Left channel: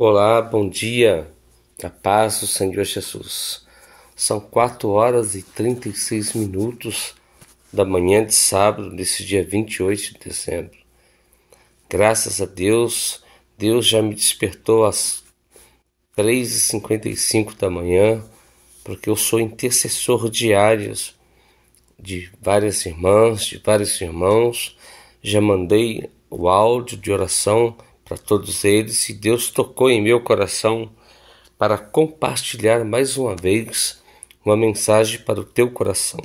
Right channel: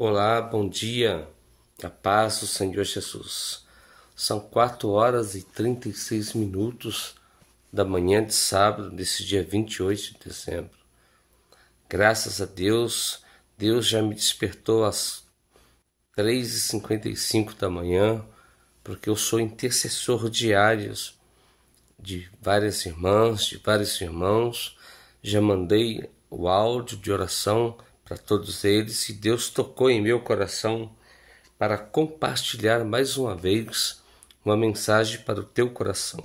Olá, bom dia, a paz do Senhor Jesus. São 4h36 da manhã de sábado, desse dia 28 de dezembro. Graças a Deus, Deus já me despertou às 3h55 da manhã, porque eu sou intercessor diário de várias irmãs, de vários irmãos. Já mandei o áudio de oração para todos eles e Deus tocou em meu coração para compartilhar mais uma vez uma mensagem para o teu coração.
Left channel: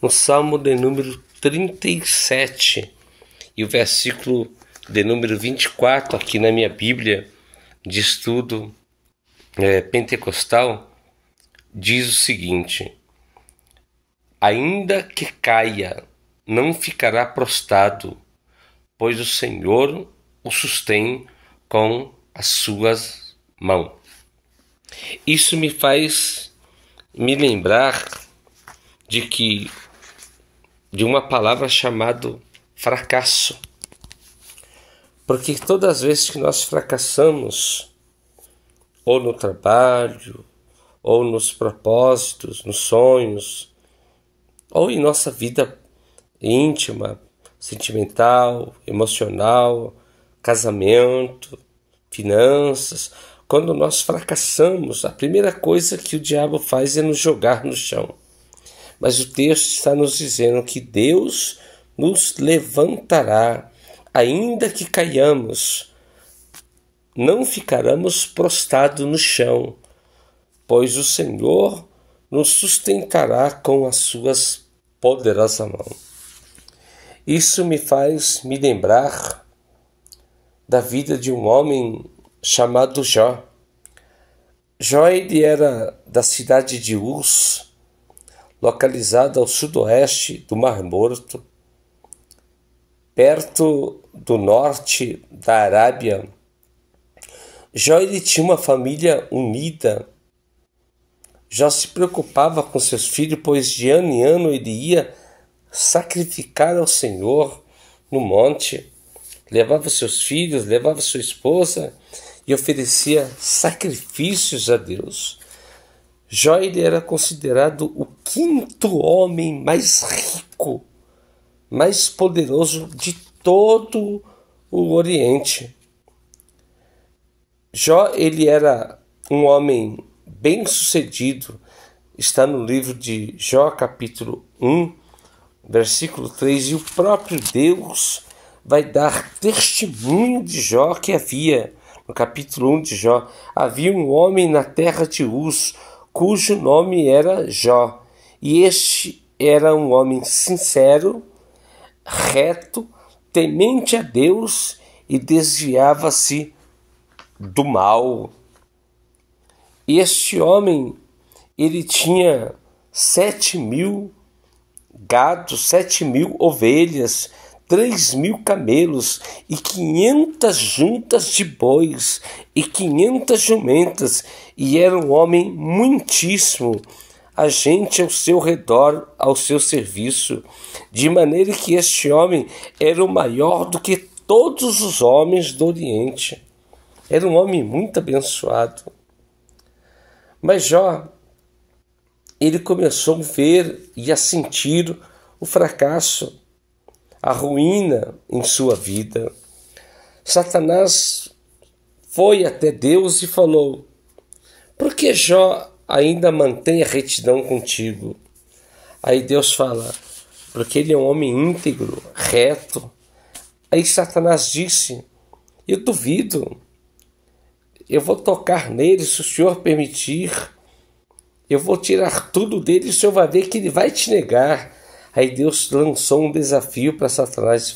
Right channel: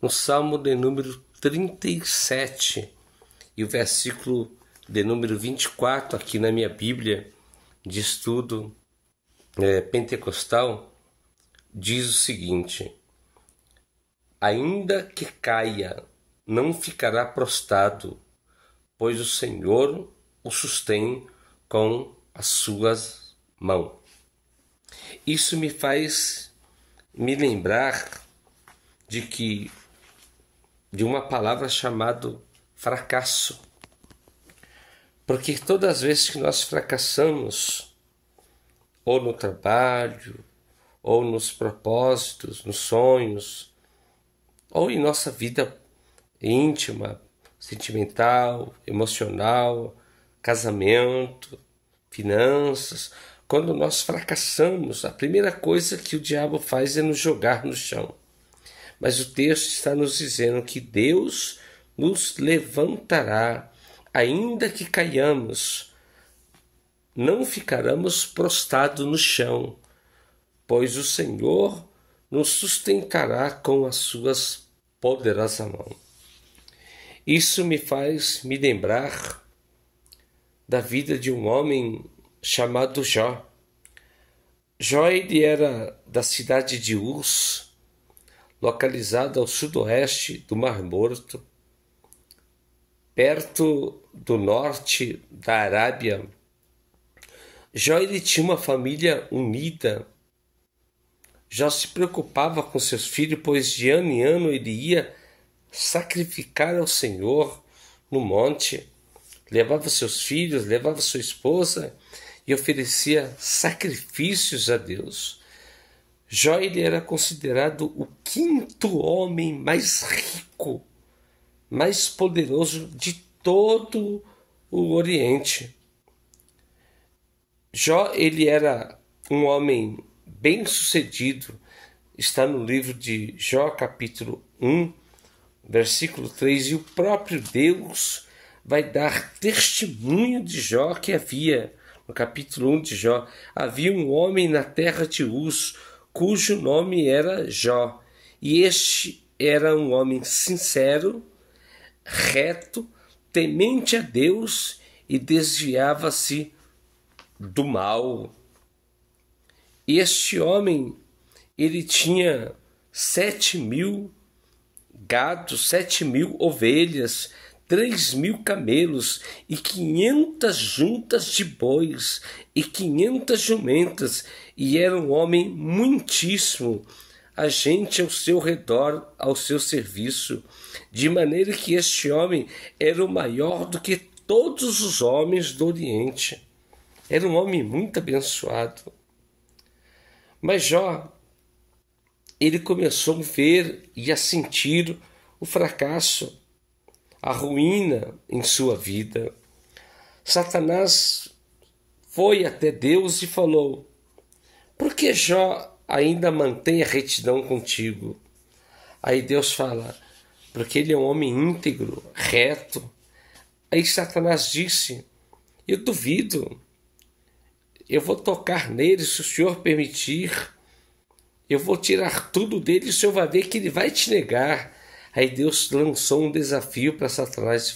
No Salmo de número 37 e o versículo de número 24 aqui na minha Bíblia de estudo pentecostal, diz o seguinte: ainda que caia, não ficará prostrado, pois o Senhor o sustém com as suas mãos. Isso me faz me lembrar de uma palavra chamada fracasso. Porque todas as vezes que nós fracassamos, ou no trabalho, ou nos propósitos, nos sonhos, ou em nossa vida íntima, sentimental, emocional, casamento, finanças, quando nós fracassamos, a primeira coisa que o diabo faz é nos jogar no chão. Mas o texto está nos dizendo que Deus nos levantará, ainda que caiamos, não ficaremos prostrados no chão, pois o Senhor nos sustentará com as suas poderosas mãos. Isso me faz me lembrar da vida de um homem chamado Jó. Jó, ele era da cidade de Uz, localizada ao sudoeste do Mar Morto, perto do norte da Arábia. Jó, ele tinha uma família unida. Jó se preocupava com seus filhos, pois de ano em ano ele ia sacrificar ao Senhor no monte. Levava seus filhos, levava sua esposa e oferecia sacrifícios a Deus. Jó, ele era considerado o quinto homem mais rico, mais poderoso de todo o Oriente. Jó, ele era um homem bem-sucedido. Está no livro de Jó, capítulo 1, versículo 3, e o próprio Deus vai dar testemunho de Jó que havia, no capítulo 1 de Jó, havia um homem na terra de Uz, cujo nome era Jó, e este era um homem sincero, reto, temente a Deus e desviava-se do mal. Este homem, ele tinha 7.000 gados, 7.000 ovelhas, 3.000 camelos e 500 juntas de bois e 500 jumentas, e era um homem muitíssimo, a gente ao seu redor, ao seu serviço, de maneira que este homem era o maior do que todos os homens do Oriente. Era um homem muito abençoado. Mas Jó, ele começou a ver e a sentir o fracasso, a ruína em sua vida. Satanás foi até Deus e falou: por que Jó ainda mantém a retidão contigo? Aí Deus fala: porque ele é um homem íntegro, reto. Aí Satanás disse: eu duvido, eu vou tocar nele se o Senhor permitir. Eu vou tirar tudo dele e o Senhor vai ver que ele vai te negar. Aí Deus lançou um desafio para Satanás:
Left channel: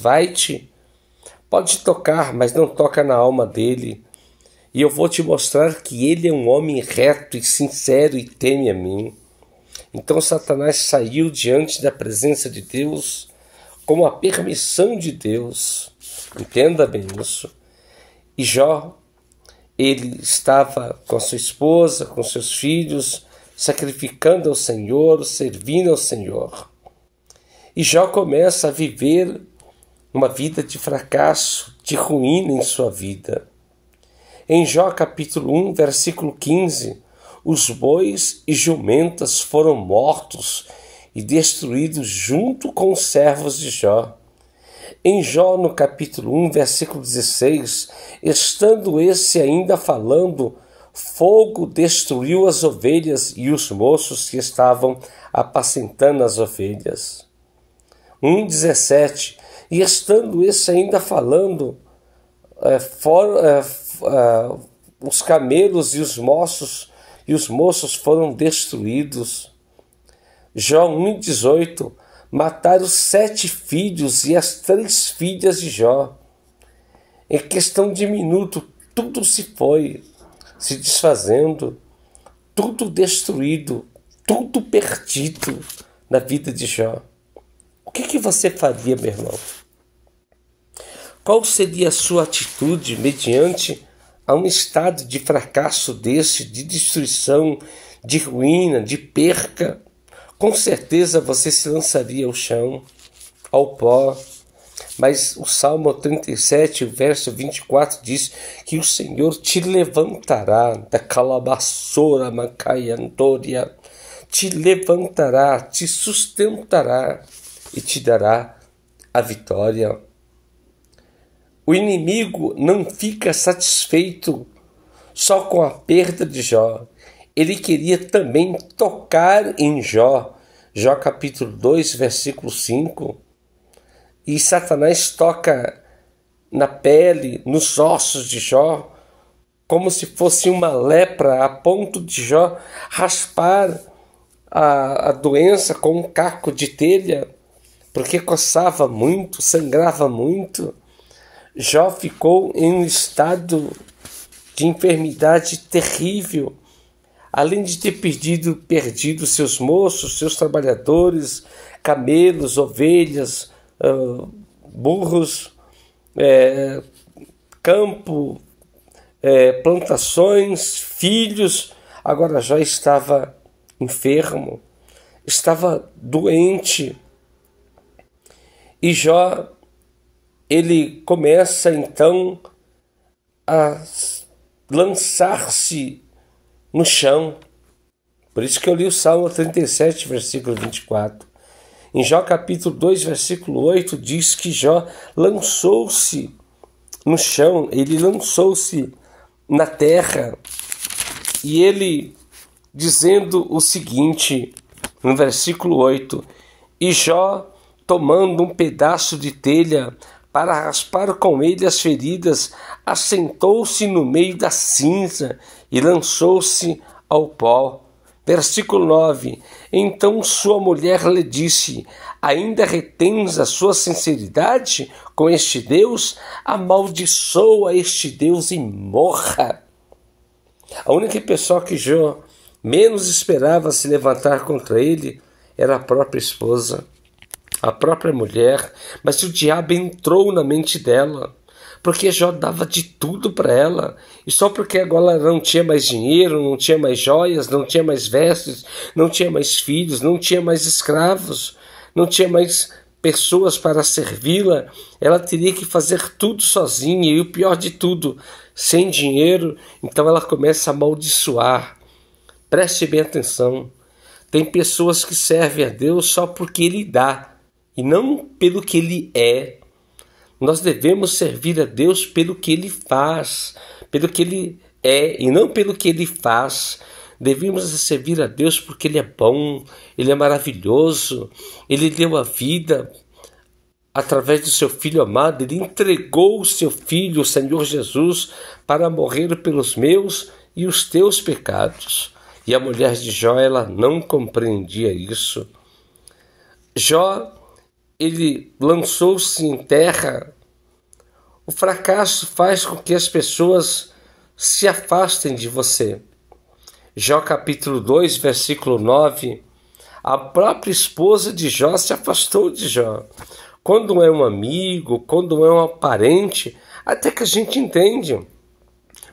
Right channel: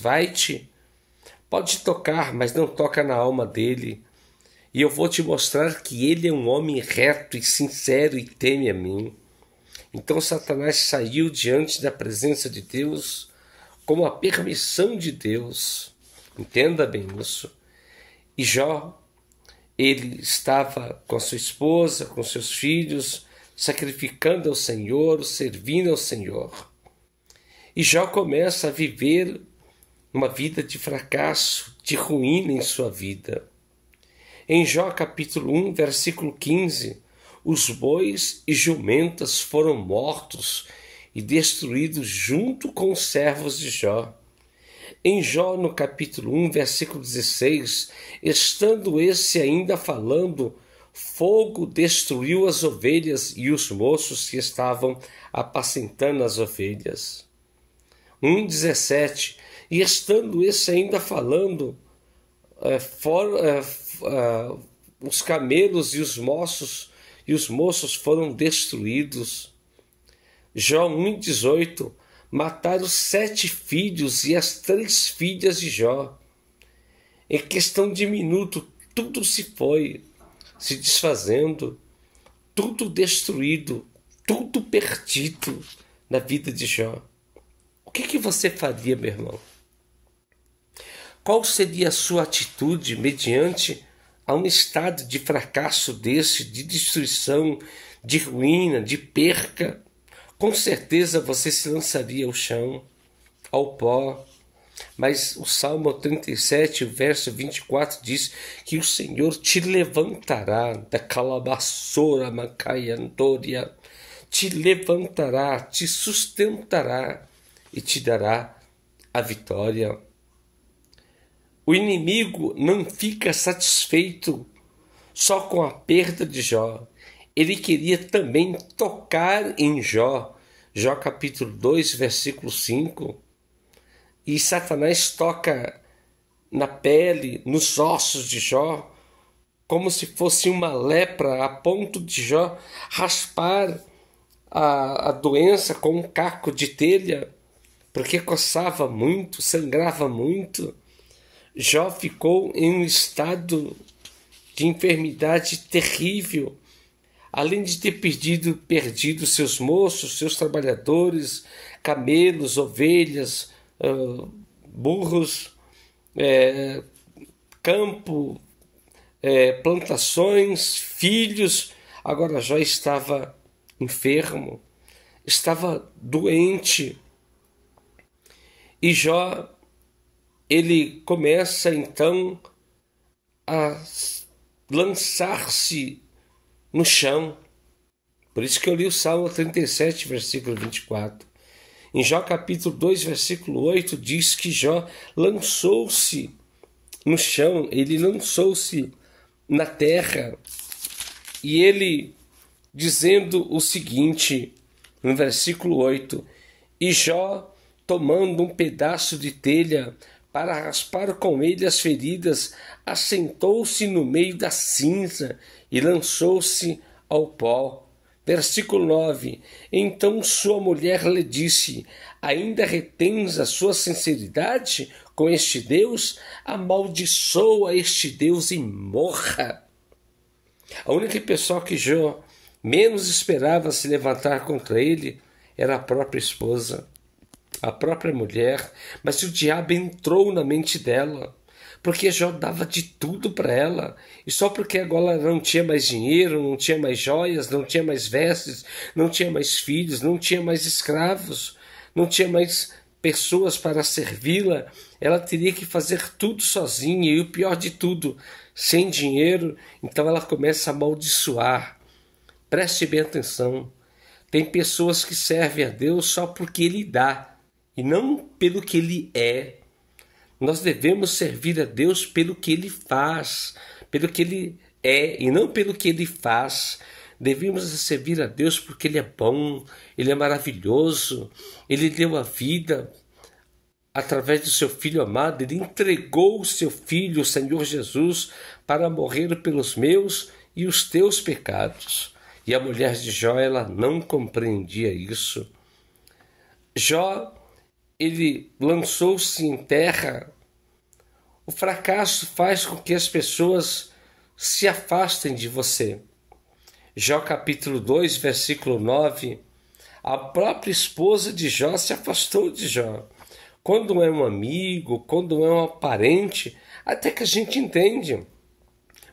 pode tocar, mas não toca na alma dele. E eu vou te mostrar que ele é um homem reto e sincero e teme a mim. Então Satanás saiu diante da presença de Deus com a permissão de Deus. Entenda bem isso. E Jó, ele estava com sua esposa, com seus filhos, sacrificando ao Senhor, servindo ao Senhor. E Jó começa a viver uma vida de fracasso, de ruína em sua vida. Em Jó capítulo 1, versículo 15, os bois e jumentas foram mortos e destruídos junto com os servos de Jó. Em Jó, no capítulo 1, versículo 16, estando esse ainda falando, fogo destruiu as ovelhas e os moços que estavam apacentando as ovelhas. 1,17, e estando esse ainda falando, os camelos e os moços foram destruídos. Jó 1,18, mataram 7 filhos e as 3 filhas de Jó. Em questão de minuto, tudo se foi se desfazendo, tudo destruído, tudo perdido na vida de Jó. O que você faria, meu irmão? Qual seria a sua atitude mediante a um estado de fracasso desse, de destruição, de ruína, de perca? Com certeza você se lançaria ao chão, ao pó. Mas o Salmo 37, o verso 24 diz que o Senhor te levantará da calabaçora macaiantoria, te levantará, te sustentará e te dará a vitória. O inimigo não fica satisfeito só com a perda de Jó. Ele queria também tocar em Jó. Jó capítulo 2, versículo 5. E Satanás toca na pele, nos ossos de Jó, como se fosse uma lepra, a ponto de Jó raspar a doença com um caco de telha, porque coçava muito, sangrava muito. Jó ficou em um estado de enfermidade terrível, além de ter perdido seus moços, seus trabalhadores, camelos, ovelhas, burros, campo, plantações, filhos. Agora Jó estava enfermo, estava doente. E Jó, ele começa então a lançar-se no chão. Por isso que eu li o Salmo 37, versículo 24. Em Jó capítulo 2, versículo 8, diz que Jó lançou-se no chão, ele lançou-se na terra. E ele dizendo o seguinte, no versículo 8, e Jó, tomando um pedaço de telha para raspar com ele as feridas, assentou-se no meio da cinza e lançou-se ao pó. Versículo 9, então sua mulher lhe disse, ainda retens a sua sinceridade com este Deus? Amaldiçoa este Deus e morra. A única pessoa que Jó menos esperava se levantar contra ele era a própria esposa, a própria mulher, mas o diabo entrou na mente dela, porque Jó dava de tudo para ela, e só porque agora ela não tinha mais dinheiro, não tinha mais joias, não tinha mais vestes, não tinha mais filhos, não tinha mais escravos, não tinha mais pessoas para servi-la, ela teria que fazer tudo sozinha, e o pior de tudo, sem dinheiro. Então ela começa a amaldiçoar. Preste bem atenção, tem pessoas que servem a Deus só porque Ele dá, e não pelo que Ele é. Nós devemos servir a Deus pelo que Ele faz, pelo que Ele é, e não pelo que Ele faz. Devemos servir a Deus porque Ele é bom, Ele é maravilhoso, Ele deu a vida através do seu Filho amado, Ele entregou o seu Filho, o Senhor Jesus, para morrer pelos meus e os teus pecados. E a mulher de Jó, ela não compreendia isso. Jó, ele lançou-se em terra. O fracasso faz com que as pessoas se afastem de você. Jó capítulo 2, versículo 9, a própria esposa de Jó se afastou de Jó. Quando é um amigo, quando é um parente, até que a gente entende.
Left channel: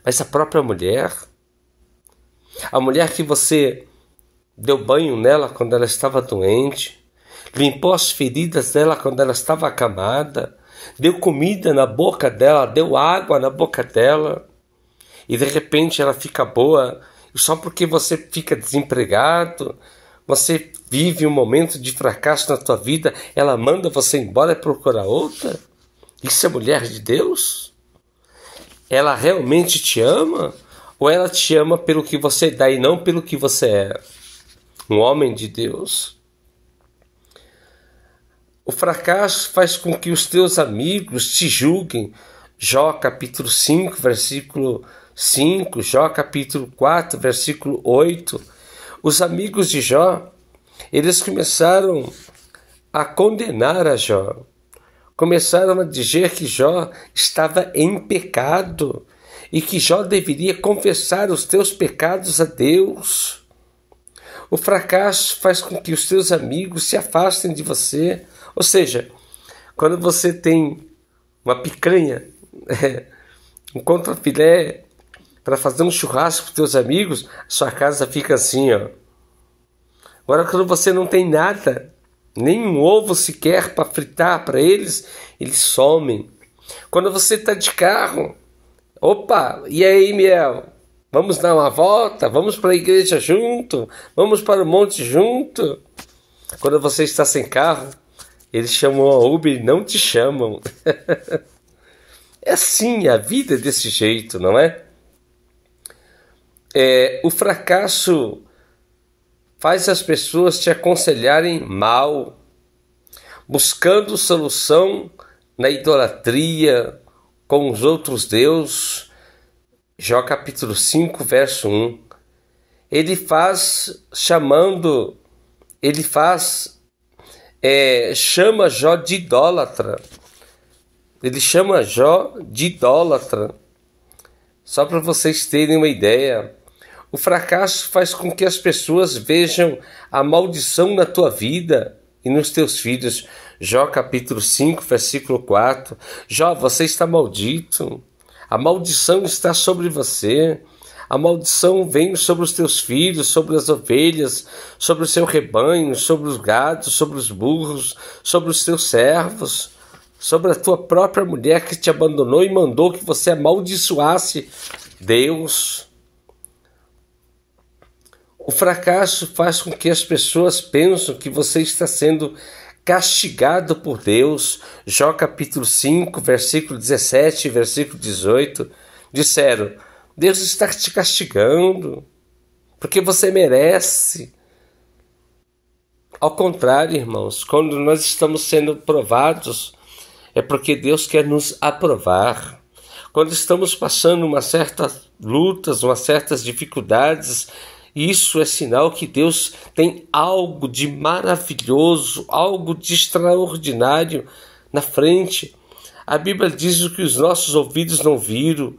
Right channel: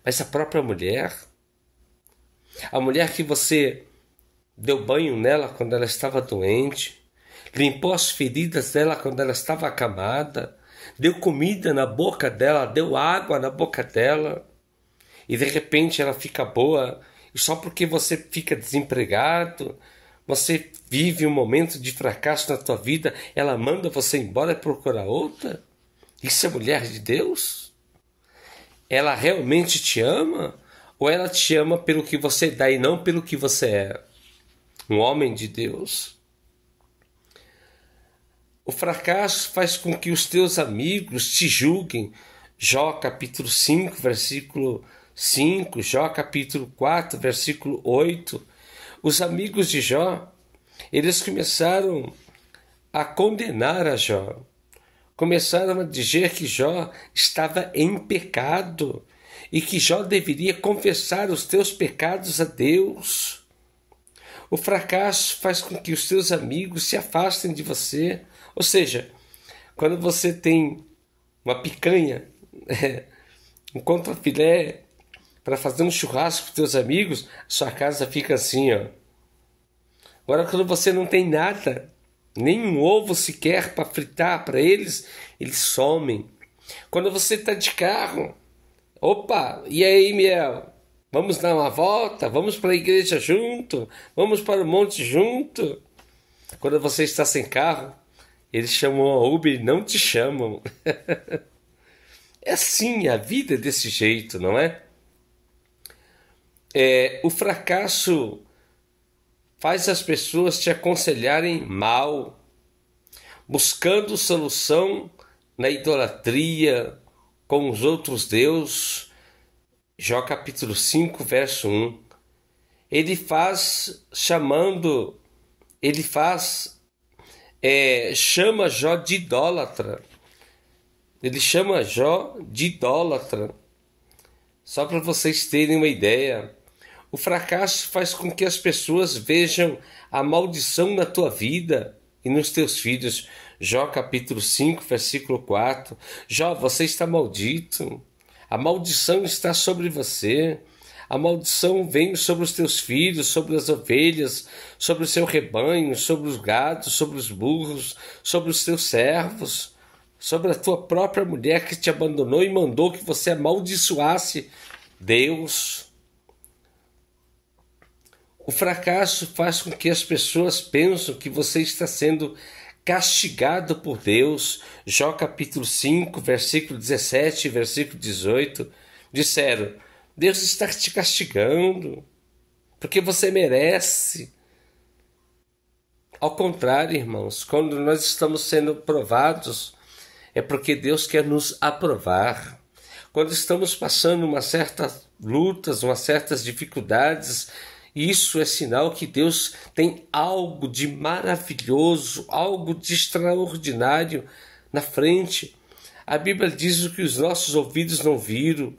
Mas a própria mulher, a mulher que você deu banho nela quando ela estava doente, limpou as feridas dela quando ela estava acamada, deu comida na boca dela, deu água na boca dela, e de repente ela fica boa, e só porque você fica desempregado, você vive um momento de fracasso na tua vida, ela manda você embora e procurar outra? Isso é mulher de Deus? Ela realmente te ama? Ou ela te ama pelo que você dá e não pelo que você é? Um homem de Deus. O fracasso faz com que os teus amigos te julguem. Jó capítulo 5, versículo 5, Jó capítulo 4, versículo 8. Os amigos de Jó, eles começaram a condenar a Jó. Começaram a dizer que Jó estava em pecado e que Jó deveria confessar os teus pecados a Deus. O fracasso faz com que os teus amigos se afastem de você. Ou seja, quando você tem uma picanha, um contrafilé para fazer um churrasco para os teus amigos, sua casa fica assim, ó. Agora, quando você não tem nada, nem um ovo sequer para fritar para eles, eles somem. Quando você está de carro, opa, e aí, Miel? Vamos dar uma volta? Vamos para a igreja junto? Vamos para o monte junto? Quando você está sem carro, eles chamam a Uber e não te chamam. É assim, a vida é desse jeito, não é? O fracasso faz as pessoas te aconselharem mal, buscando solução na idolatria com os outros deuses. Jó capítulo 5, verso 1. Chama Jó de idólatra. Ele chama Jó de idólatra. Só para vocês terem uma ideia, o fracasso faz com que as pessoas vejam a maldição na tua vida e nos teus filhos. Jó capítulo 5, versículo 4. Jó, você está maldito. A maldição está sobre você. A maldição vem sobre os teus filhos, sobre as ovelhas, sobre o seu rebanho, sobre os gados, sobre os burros, sobre os teus servos, sobre a tua própria mulher que te abandonou e mandou que você amaldiçoasse Deus. O fracasso faz com que as pessoas pensem que você está sendo castigado por Deus. Jó capítulo 5, versículo 17 e versículo 18. Disseram: Deus está te castigando porque você merece. Ao contrário, irmãos, quando nós estamos sendo provados, é porque Deus quer nos aprovar. Quando estamos passando umas certas lutas, umas certas dificuldades, isso é sinal que Deus tem algo de maravilhoso, algo de extraordinário na frente. A Bíblia diz: o que os nossos ouvidos não viram,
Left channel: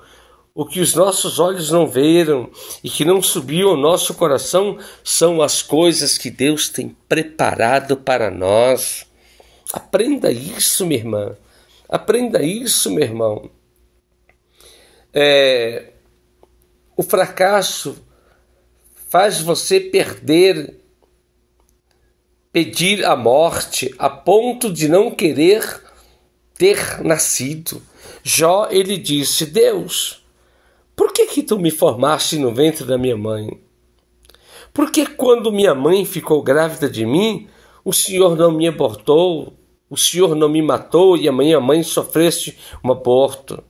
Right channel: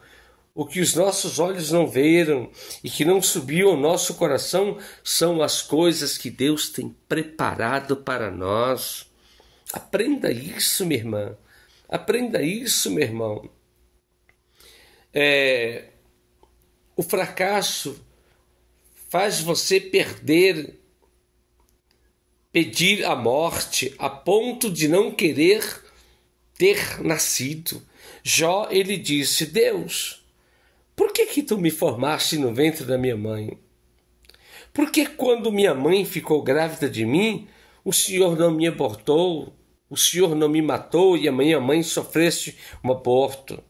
o que os nossos olhos não viram e que não subiu ao nosso coração são as coisas que Deus tem preparado para nós. Aprenda isso, minha irmã. Aprenda isso, meu irmão. O fracasso faz você pedir a morte a ponto de não querer ter nascido. Jó, ele disse: Deus, por que tu me formaste no ventre da minha mãe? Por que quando minha mãe ficou grávida de mim, o Senhor não me abortou, o Senhor não me matou e a minha mãe sofresse um aborto?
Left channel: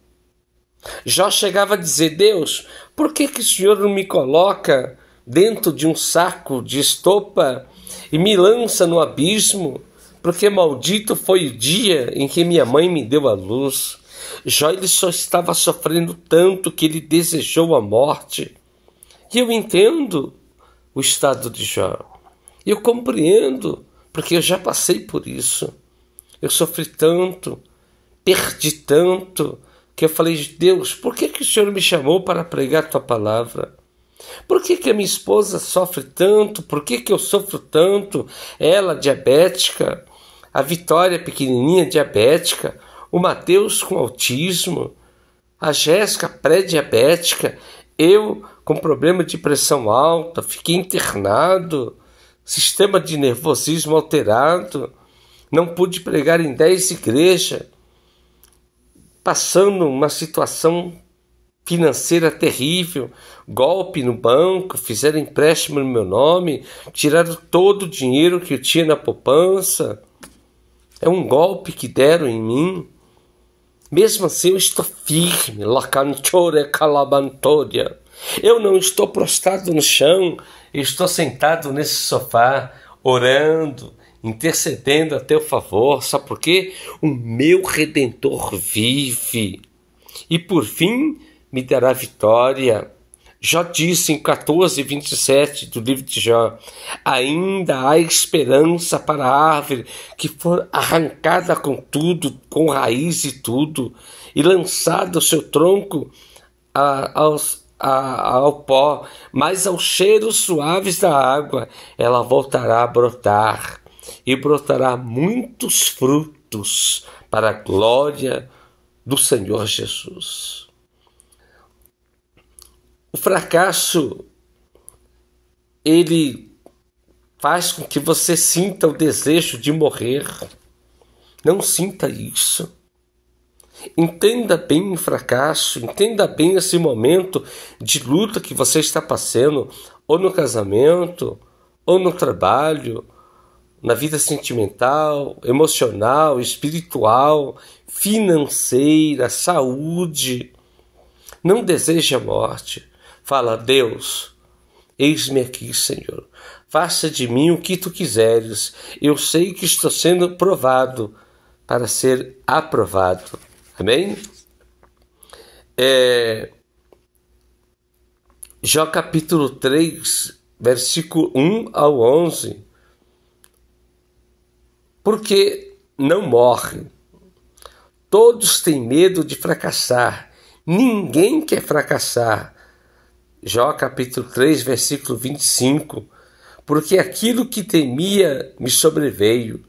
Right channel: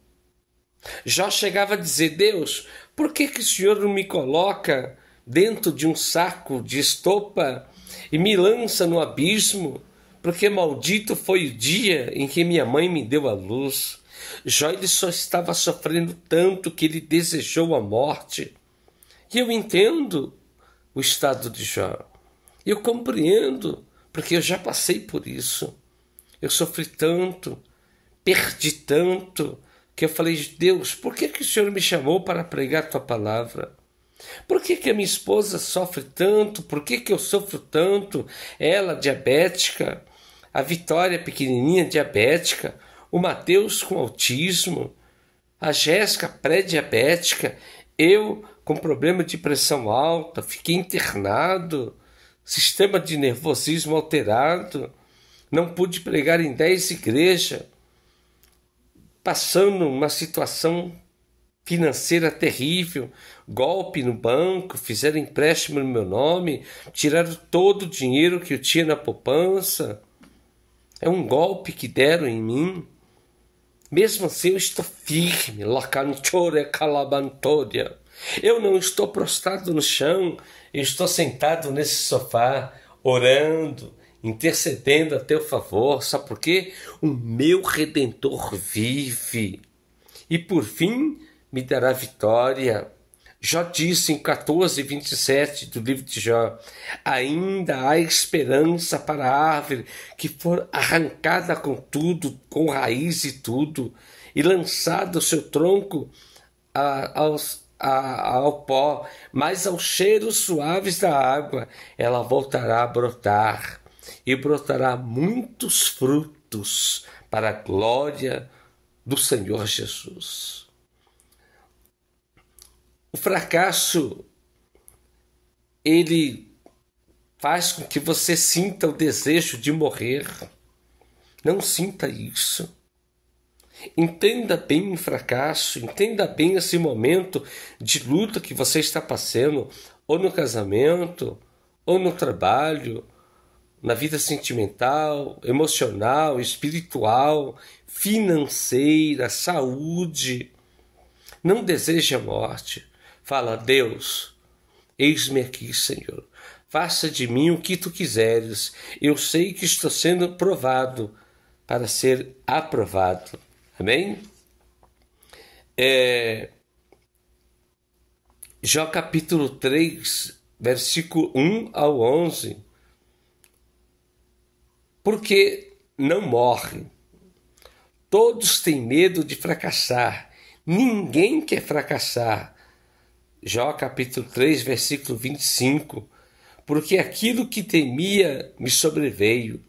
Jó chegava a dizer: Deus, por que o Senhor não me coloca dentro de um saco de estopa e me lança no abismo? Porque maldito foi o dia em que minha mãe me deu a luz. Jó, ele só estava sofrendo tanto que ele desejou a morte. E eu entendo o estado de Jó. Eu compreendo, porque eu já passei por isso. Eu sofri tanto, perdi tanto, que eu falei: Deus, por que o Senhor me chamou para pregar a tua palavra? Por que a minha esposa sofre tanto? Por que eu sofro tanto? Ela, diabética, a Vitória, pequenininha, diabética, o Mateus com autismo, a Jéssica, pré-diabética, eu com problema de pressão alta, fiquei internado, sistema de nervosismo alterado, não pude pregar em 10 igrejas, passando uma situação financeira terrível, golpe no banco, fizeram empréstimo no meu nome, tiraram todo o dinheiro que eu tinha na poupança. É um golpe que deram em mim. Mesmo assim, eu estou firme. Eu não estou prostrado no chão, eu estou sentado nesse sofá, orando, intercedendo a teu favor. Sabe por quê? O meu Redentor vive. E por fim, me dará vitória. Jó disse em 14:27 do livro de Jó: ainda há esperança para a árvore que for arrancada com tudo, com raiz e tudo, e lançado o seu tronco ao pó, mas aos cheiros suaves da água ela voltará a brotar, e brotará muitos frutos para a glória do Senhor Jesus. O fracasso, ele faz com que você sinta o desejo de morrer. Não sinta isso. Entenda bem o fracasso, entenda bem esse momento de luta que você está passando, ou no casamento, ou no trabalho, na vida sentimental, emocional, espiritual, financeira, saúde. Não deseje a morte. Fala: Deus, eis-me aqui, Senhor. Faça de mim o que tu quiseres. Eu sei que estou sendo provado para ser aprovado. Amém? Jó capítulo 3, versículo 1 ao 11. Porque não morre. Todos têm medo de fracassar. Ninguém quer fracassar. Jó capítulo 3, versículo 25. Porque aquilo que temia me sobreveio,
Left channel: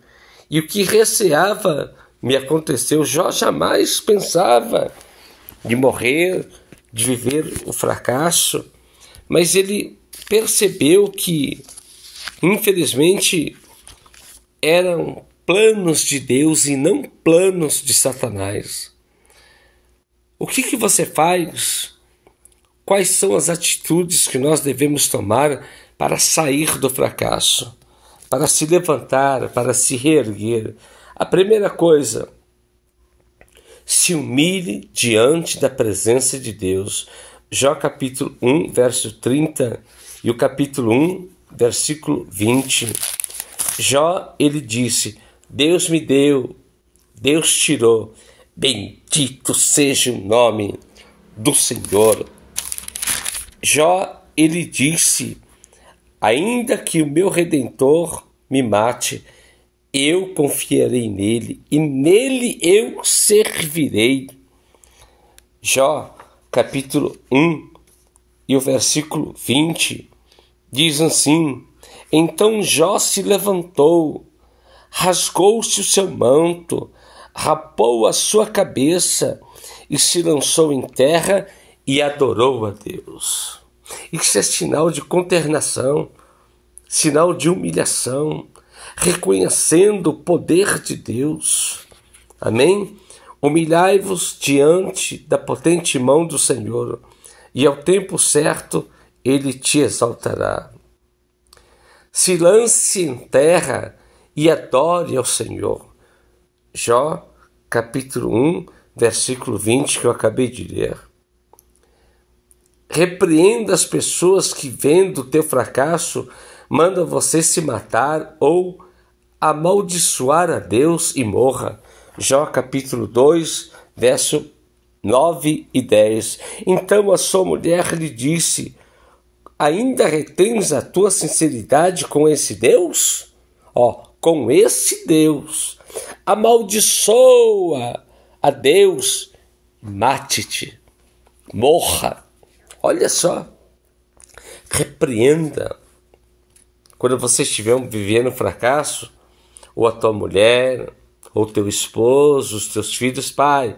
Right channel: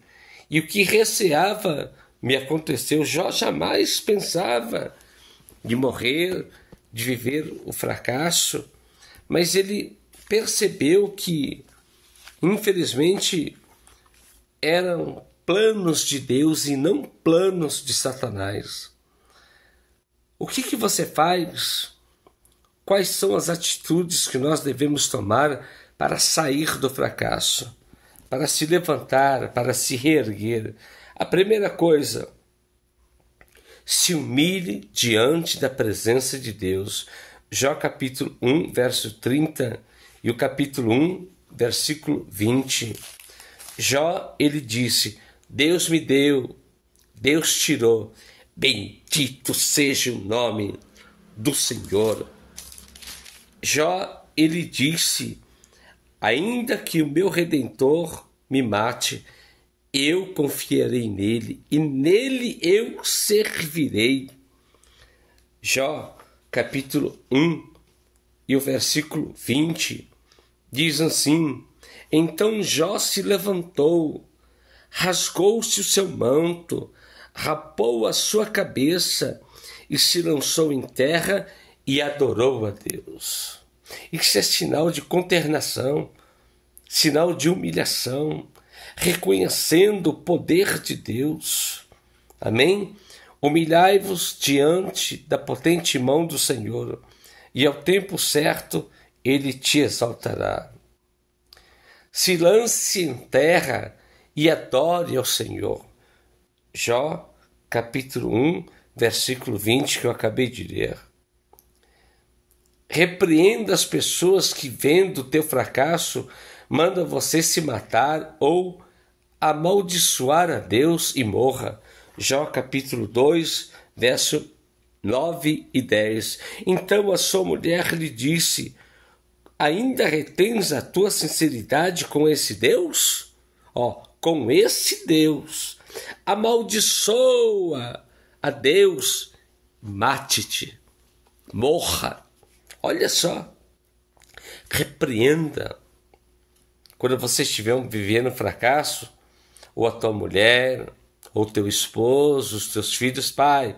e o que receava me aconteceu. Jó jamais pensava de morrer, de viver o fracasso, mas ele percebeu que, infelizmente, eram planos de Deus e não planos de Satanás. O que você faz? Quais são as atitudes que nós devemos tomar para sair do fracasso, para se levantar, para se reerguer? A primeira coisa, se humilhe diante da presença de Deus. Jó capítulo 1, verso 30 e o capítulo 1, versículo 20. Jó, ele disse: Deus me deu, Deus tirou, bendito seja o nome do Senhor. Jó, ele disse: ainda que o meu Redentor me mate, eu confiarei nele e nele eu servirei. Jó, capítulo 1 e o versículo 20 diz assim: então Jó se levantou, rasgou-se o seu manto, rapou a sua cabeça e se lançou em terra e adorou a Deus. Isso é sinal de consternação, sinal de humilhação, reconhecendo o poder de Deus. Amém? Humilhai-vos diante da potente mão do Senhor, e ao tempo certo ele te exaltará. Se lance em terra e adore ao Senhor. Jó, capítulo 1, versículo 20, que eu acabei de ler. Repreenda as pessoas que, vendo o teu fracasso, mandam você se matar ou amaldiçoar a Deus e morra. Jó capítulo 2, verso 9 e 10. Então a sua mulher lhe disse: ainda retens a tua sinceridade com esse Deus? Com esse Deus. Amaldiçoa a Deus, mate-te, morra. Olha só, repreenda. Quando você estiver vivendo fracasso, ou a tua mulher, ou teu esposo, os teus filhos, pai,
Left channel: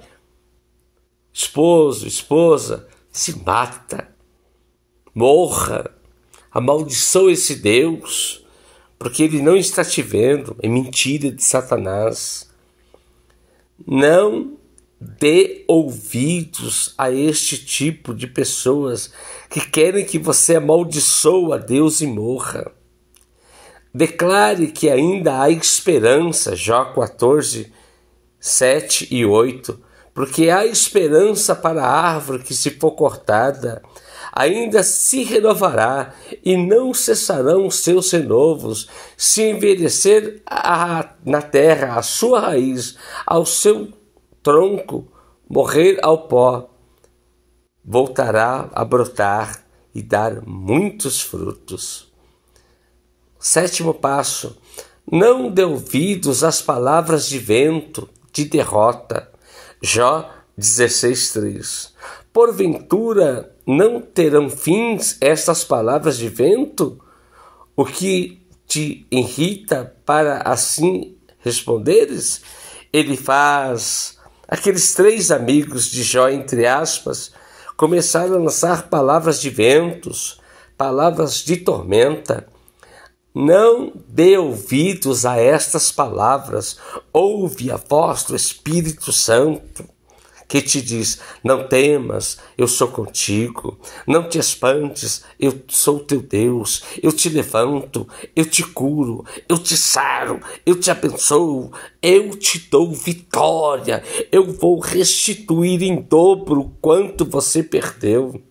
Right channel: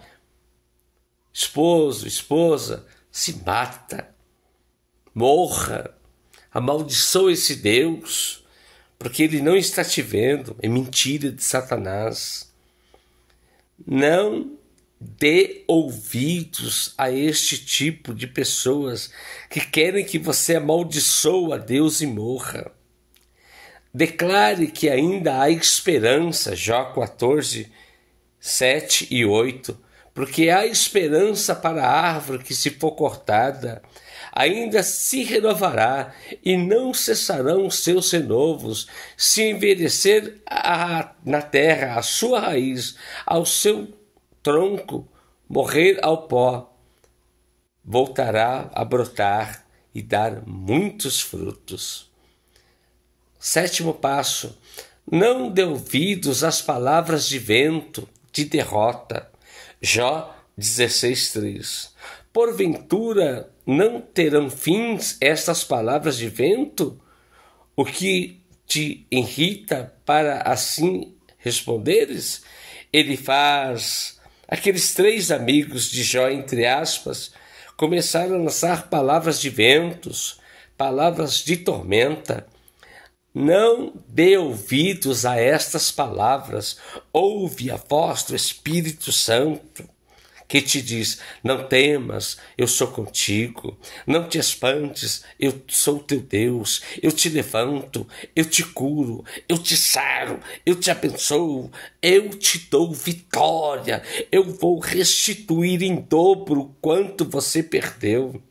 esposo, esposa, se mata, morra, amaldiçoa esse Deus, porque ele não está te vendo, é mentira de Satanás. Não dê ouvidos a este tipo de pessoas que querem que você amaldiçoe a Deus e morra. Declare que ainda há esperança, Jó 14, 7 e 8, porque há esperança para a árvore que, se for cortada, ainda se renovará e não cessarão os seus renovos, se envelhecer na terra a sua raiz, ao seu tronco morrer ao pó, voltará a brotar e dar muitos frutos. Sétimo passo: não dê ouvidos às palavras de vento, de derrota. Jó 16:3. Porventura não terão fins estas palavras de vento? O que te irrita para assim responderes? Ele faz. Aqueles 3 amigos de Jó, entre aspas, começaram a lançar palavras de ventos, palavras de tormenta. Não dê ouvidos a estas palavras. Ouve a voz do Espírito Santo, que te diz: não temas, eu sou contigo. Não te espantes, eu sou teu Deus. Eu te levanto, eu te curo, eu te saro, eu te abençoo, eu te dou vitória. Eu vou restituir em dobro quanto você perdeu.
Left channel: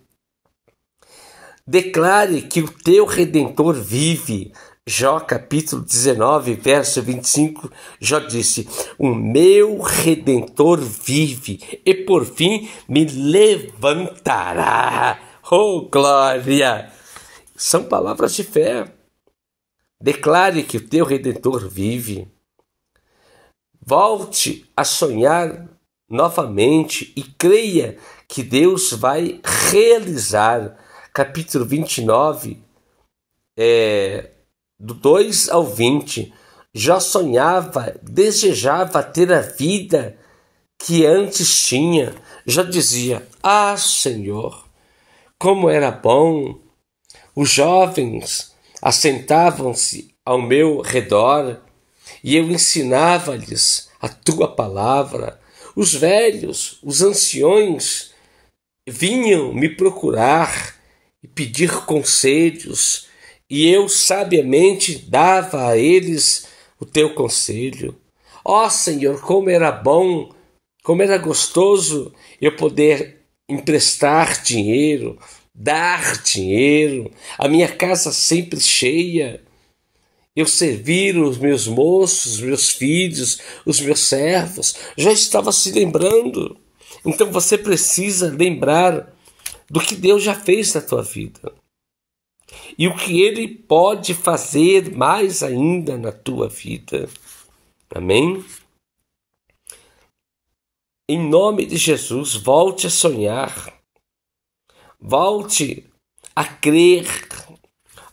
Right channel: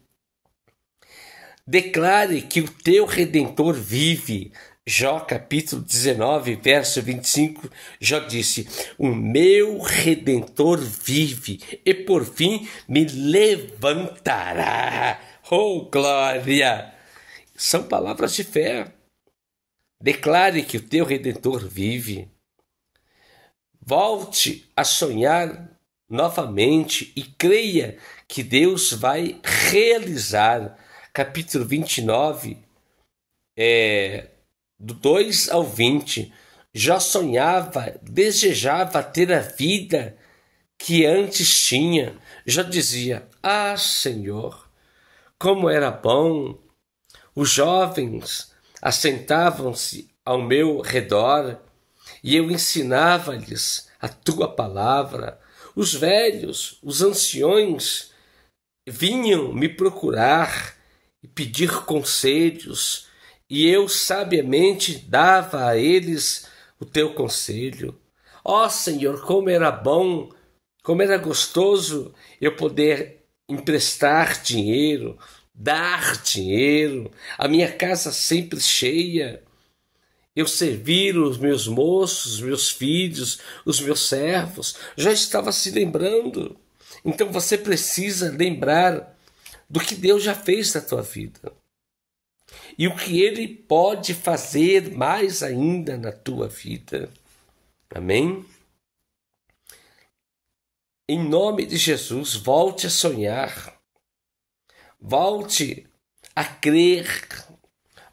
Declare que o teu Redentor vive. Jó capítulo 19, verso 25, Jó disse: o meu Redentor vive e por fim me levantará. Oh, glória! São palavras de fé. Declare que o teu Redentor vive. Volte a sonhar novamente e creia que Deus vai realizar. Capítulo 29, do 2 ao 20, já sonhava, desejava ter a vida que antes tinha. Já dizia: ah, Senhor, como era bom! Os jovens assentavam-se ao meu redor e eu ensinava-lhes a tua palavra. Os velhos, os anciões vinham me procurar e pedir conselhos, e eu sabiamente dava a eles o teu conselho. Ó Senhor, como era bom, como era gostoso eu poder emprestar dinheiro, dar dinheiro, a minha casa sempre cheia, eu servir os meus moços, os meus filhos, os meus servos. Já estava se lembrando. Então você precisa lembrar do que Deus já fez na tua vida e o que Ele pode fazer mais ainda na tua vida. Amém? Em nome de Jesus, volte a sonhar, volte a crer,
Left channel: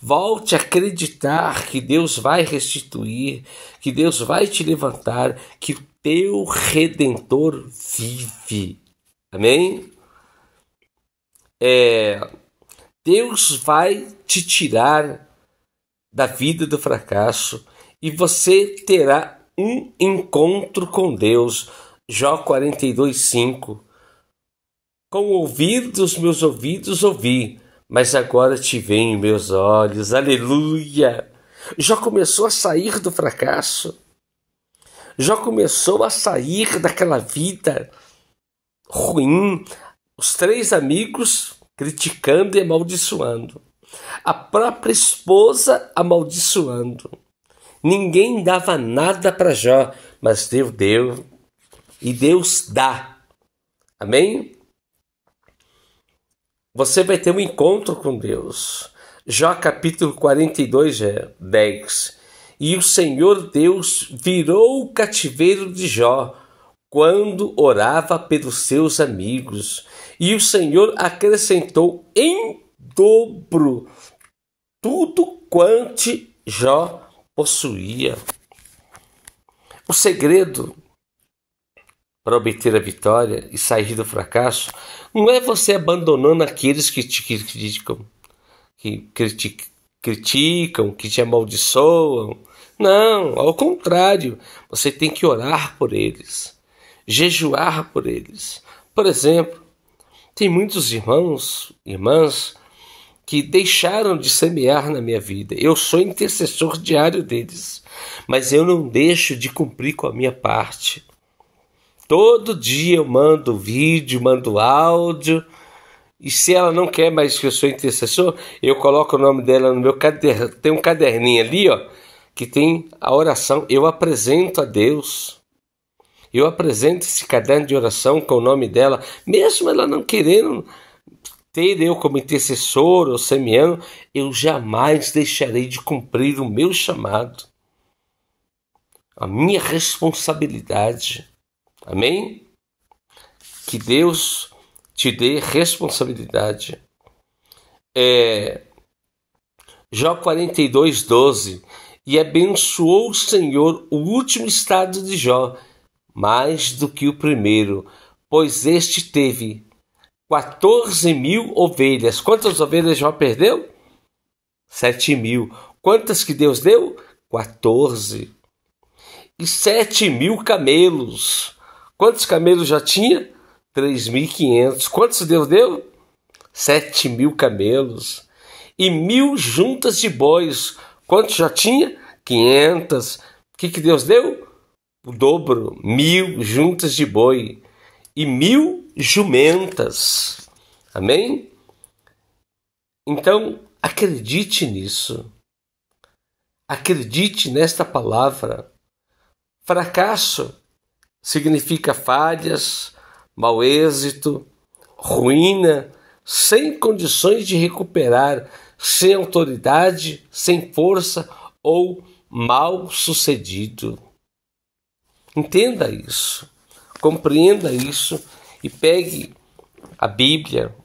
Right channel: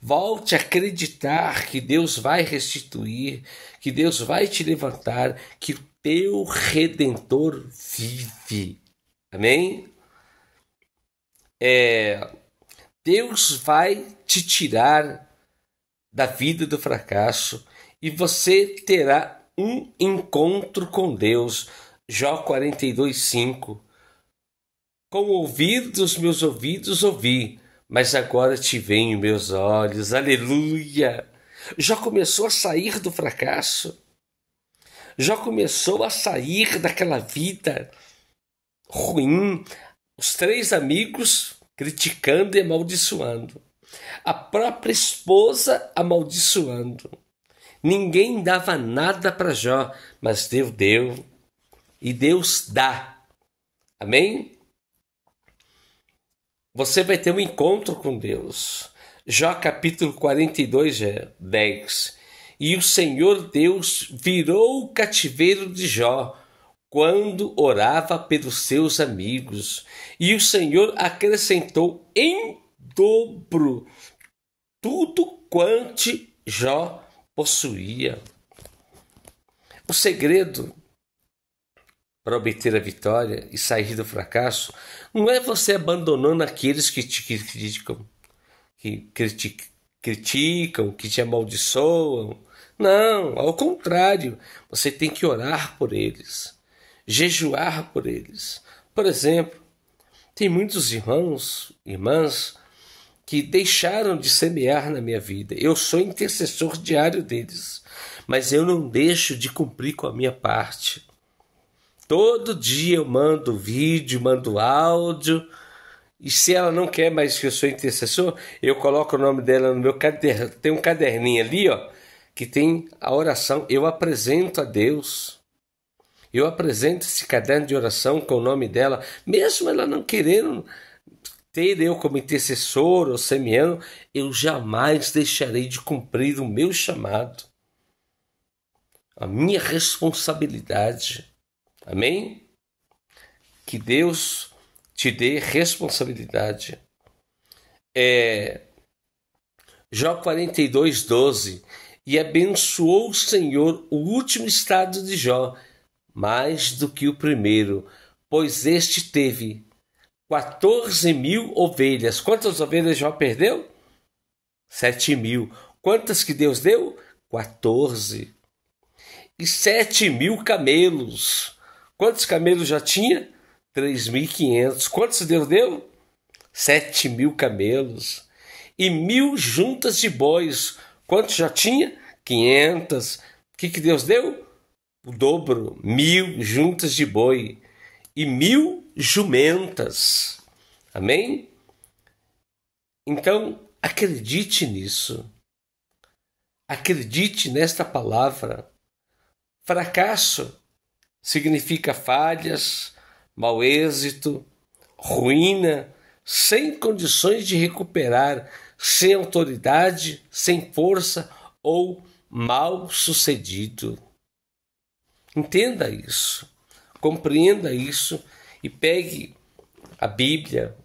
volte a acreditar que Deus vai restituir, que Deus vai te levantar, que o teu Redentor vive. Amém? Deus vai te tirar da vida do fracasso e você terá um encontro com Deus. Jó 42:5. Com o ouvido dos meus ouvidos ouvi, mas agora te veem meus olhos. Aleluia! Jó começou a sair do fracasso. Jó começou a sair daquela vida ruim. Os 3 amigos criticando e amaldiçoando. A própria esposa amaldiçoando. Ninguém dava nada para Jó, mas Deus deu. E Deus dá. Amém? Você vai ter um encontro com Deus. Jó capítulo 42, 10. E o Senhor Deus virou o cativeiro de Jó quando orava pelos seus amigos. E o Senhor acrescentou em dobro tudo quanto Jó possuía. O segredo para obter a vitória e sair do fracasso não é você abandonando aqueles que te criticam, que te amaldiçoam. Não, ao contrário, você tem que orar por eles. jejuar por eles. Por exemplo, tem muitos irmãos, irmãs, que deixaram de semear na minha vida. Eu sou intercessor diário deles, mas eu não deixo de cumprir com a minha parte. Todo dia eu mando vídeo, mando áudio, e se ela não quer mais que eu sou intercessor, eu coloco o nome dela no meu caderno. Tem um caderninho ali, ó, que tem a oração. Eu apresento a Deus. Eu apresento esse caderno de oração com o nome dela, mesmo ela não querendo ter eu como intercessor ou semeando, eu jamais deixarei de cumprir o meu chamado, a minha responsabilidade. Amém? Que Deus te dê responsabilidade. Jó 42:12. E abençoou o Senhor o último estado de Jó, mais do que o primeiro, pois este teve 14.000 ovelhas. Quantas ovelhas Jó perdeu? 7.000. Quantas que Deus deu? 14. E 7.000 camelos. Quantos camelos já tinha? 3.500. Quantos Deus deu? 7.000 camelos. E 1.000 juntas de bois. Quantos já tinha? 500. O que Deus deu? O dobro. 1.000 juntas de boi. E 1.000 jumentas. Amém? Então, acredite nisso. Acredite nesta palavra. Fracasso significa falhas, mau êxito, ruína, sem condições de recuperar, sem autoridade, sem força ou mal sucedido. Entenda isso, compreenda isso e pegue a Bíblia,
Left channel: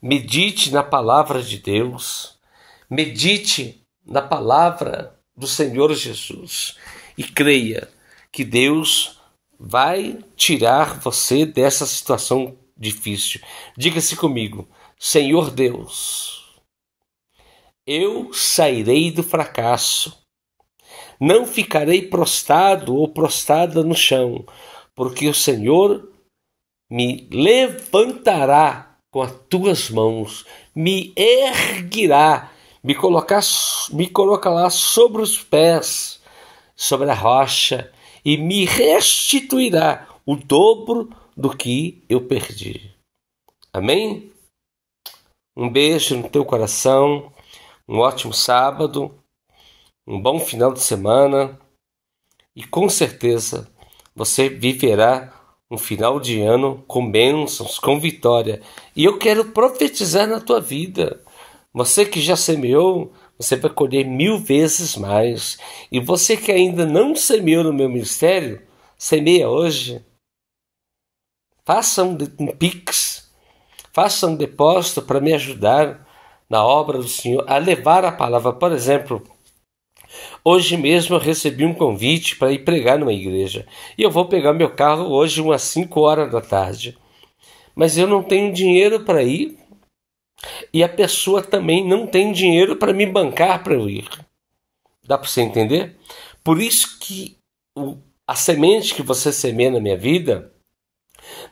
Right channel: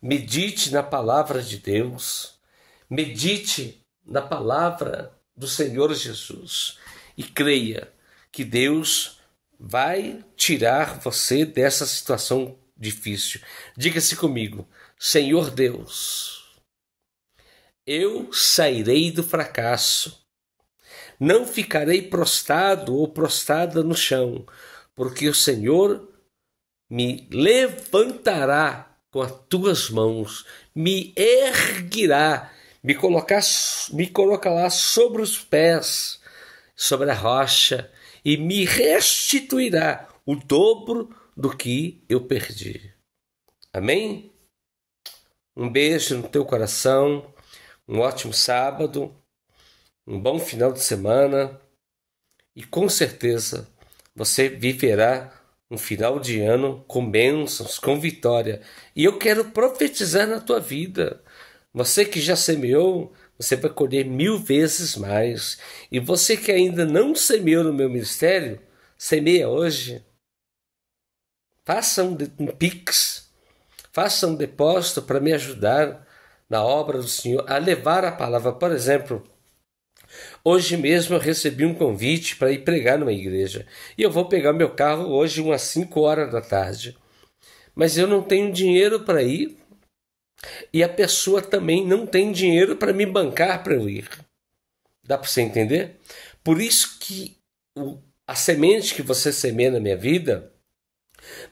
medite na palavra de Deus, medite na palavra do Senhor Jesus e creia que Deus vai tirar você dessa situação difícil. Diga-se comigo: Senhor Deus, eu sairei do fracasso. Não ficarei prostrado ou prostrada no chão, porque o Senhor me levantará com as tuas mãos, me erguirá, me colocará sobre os pés, sobre a rocha, e me restituirá o dobro do que eu perdi. Amém? Um beijo no teu coração, um ótimo sábado, um bom final de semana e com certeza você viverá um final de ano com bênçãos, com vitória. E eu quero profetizar na tua vida. Você que já semeou, você vai colher 1000 vezes mais. E você que ainda não semeou no meu ministério, semeia hoje. Faça um Pix, faça um depósito para me ajudar na obra do Senhor, a levar a palavra. Por exemplo, hoje mesmo eu recebi um convite para ir pregar numa igreja. E eu vou pegar meu carro hoje umas 5 horas da tarde. Mas eu não tenho dinheiro para ir. E a pessoa também não tem dinheiro para me bancar para eu ir. Dá para você entender? Por isso que a semente que você semeia na minha vida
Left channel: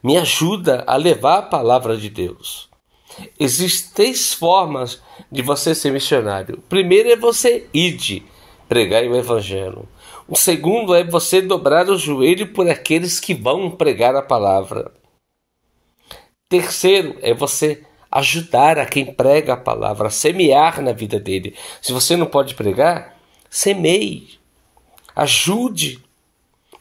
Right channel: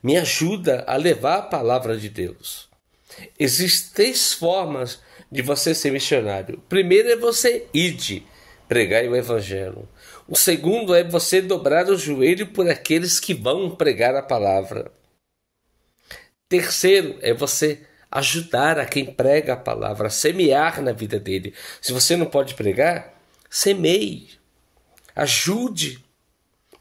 me ajuda a levar a palavra de Deus. Existem 3 formas de você ser missionário. O primeiro é você ir pregar o evangelho. O segundo é você dobrar o joelho por aqueles que vão pregar a palavra. Terceiro é você ajudar a quem prega a palavra, semear na vida dele. Se você não pode pregar, semeie, ajude.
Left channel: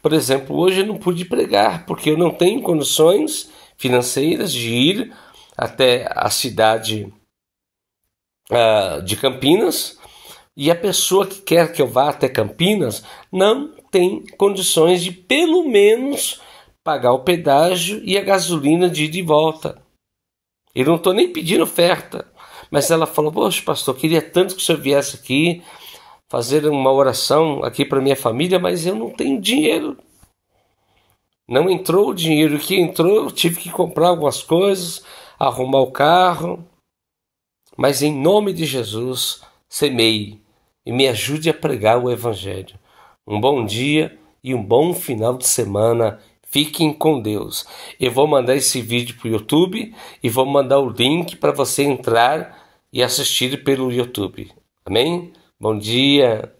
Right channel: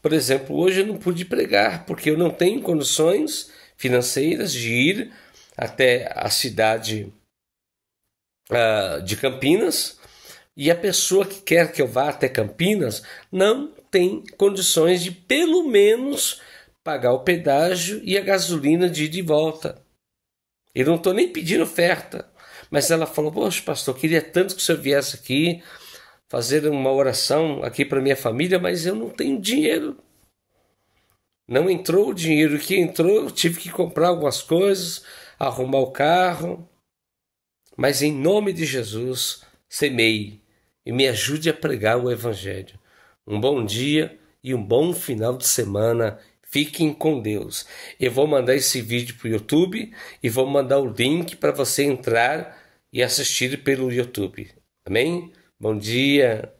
Por exemplo, hoje eu não pude pregar porque eu não tenho condições financeiras de ir até a cidade de Campinas, e a pessoa que quer que eu vá até Campinas não tem condições de pelo menos pagar o pedágio e a gasolina de ida e volta. Eu não estou nem pedindo oferta, mas ela falou: poxa, pastor, queria tanto que o senhor viesse aqui fazer uma oração aqui para minha família, mas eu não tenho dinheiro. Não entrou o dinheiro. O que entrou, eu tive que comprar algumas coisas, arrumar o carro. Mas em nome de Jesus, semeie e me ajude a pregar o evangelho. Um bom dia e um bom final de semana. Fiquem com Deus. Eu vou mandar esse vídeo para o YouTube e vou mandar o link para você entrar e assistir pelo YouTube. Amém? Bom dia.